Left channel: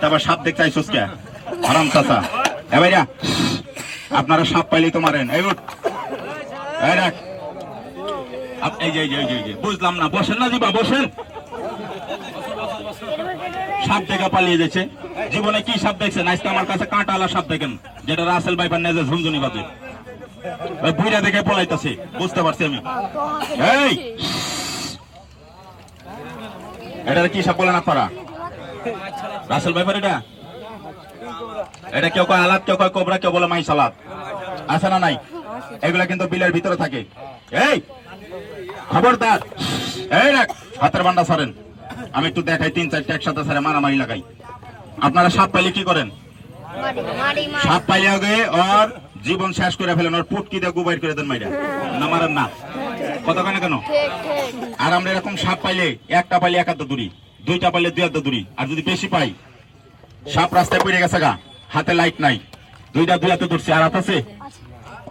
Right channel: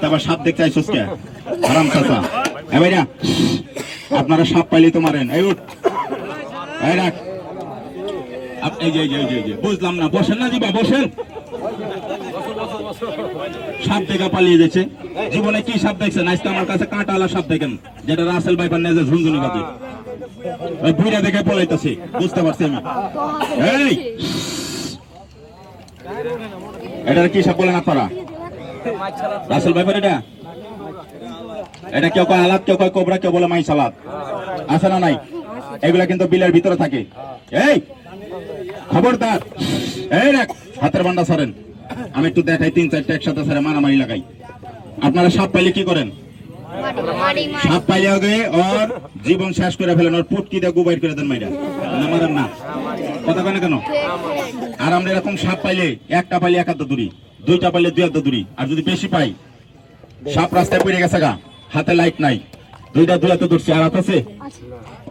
তারপর সাপ দেখতে আইসোস কে? আরাম চাচা। এ ভাইরা, আপনারা সাপ পাইলে তো মারেন। এই উঠ। এই যে এই যে বুঝলাম না, বসেন না দিবা বসেন। সাপ দেখা পালিয়ে যাচ্ছে। জীবনে কি সাপ দেখছেন? আজকে আমার কাছে কাঁটালা সাপ দেখেন, যেটা রাসেল ভাইপার নেজে ঝুনঝুনি ওই বুইরা দেখে পলাইতেছে, বুঝতে পারছি আমি। এই! এটা কি সাপ বলেন আপনারা রাসেল ভাইপার এটা? এটা কেউ কয় আলাদ, কেউ কয় কোবরা, কেউ বলে মাই সালাদ। আছে না নাই? এগুলা কিন্তু বিলের ভিতরে থাকে। এই, খবরদার। এই রাখ হাতের বান্ডা সরেন আমি একটু দেখাই, তিন চারটে একসাথে সারে মারামারি লাগাই। আপনারা সাপ পাইলে কি করেন? সাপ পাইলে আগে ওর জীবন শেষ করে ফেলেন, ওর পুটকি দিয়ে গুবাইট করে দেন মাইরা। না মারেন না। কথা কেন কেন? আর আমরা এরকম সাপ পাইলে, একটা পাইলে এক হাত দূরি দুইটা পাইলে দুই হাত দূরি আর যদি বেশি পাই, সাপ রাস্তায় পড়ে গেছে গা, হাতে লাইট নাই। দুইটা দুই হাতে ধরছি, আর হাত আছে?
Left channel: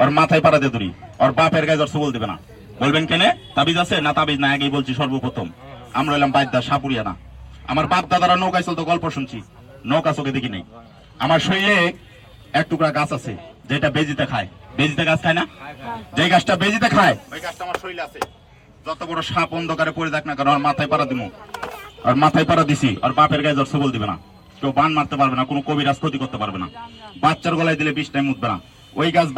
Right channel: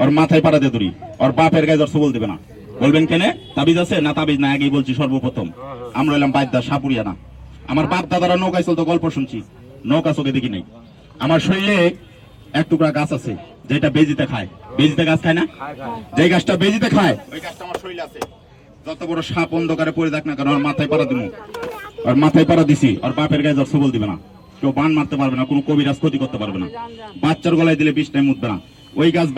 ওর মাথায় পাড়া দিয়ে দূরি ওর বাপের গায়ে জ্বর বল দেবে না। বলবেন কেনে? তাবিজ আছে? না তাবিজ না আগেই বলছি সর্বপ্রথম। আমরা এলাম বাদ্যা সাপুরিয়া না। আমার বাপ দাদারা নৌকায় চলতো, গল্প শুনছি। নৌকা চোখে দেখি নাই। আমার শরীরে এক টুকরা গাছ আছে, যেটা বেজিতে খায়। বেজিতে গাছ খায় না? যে গাছটা বেজিতে খায়, ওই গাছটা আমার শরীরে আছে। যত বড় সাপ অন্ধকারে পড়ে দেখ না কারণ ওর মাথায় পাড়া দিমু। আর মাথায় পাড়া দিছি, আর বাপের গায়ে জ্বর সবল দিবে না। কেউ বান মারতে পারবে না, কোনো কবিরাজ ক্ষতি করতে পারবে না। বাচ্চার গলায় দিলে বিষ টাইম উঠবে না। ওই গাছ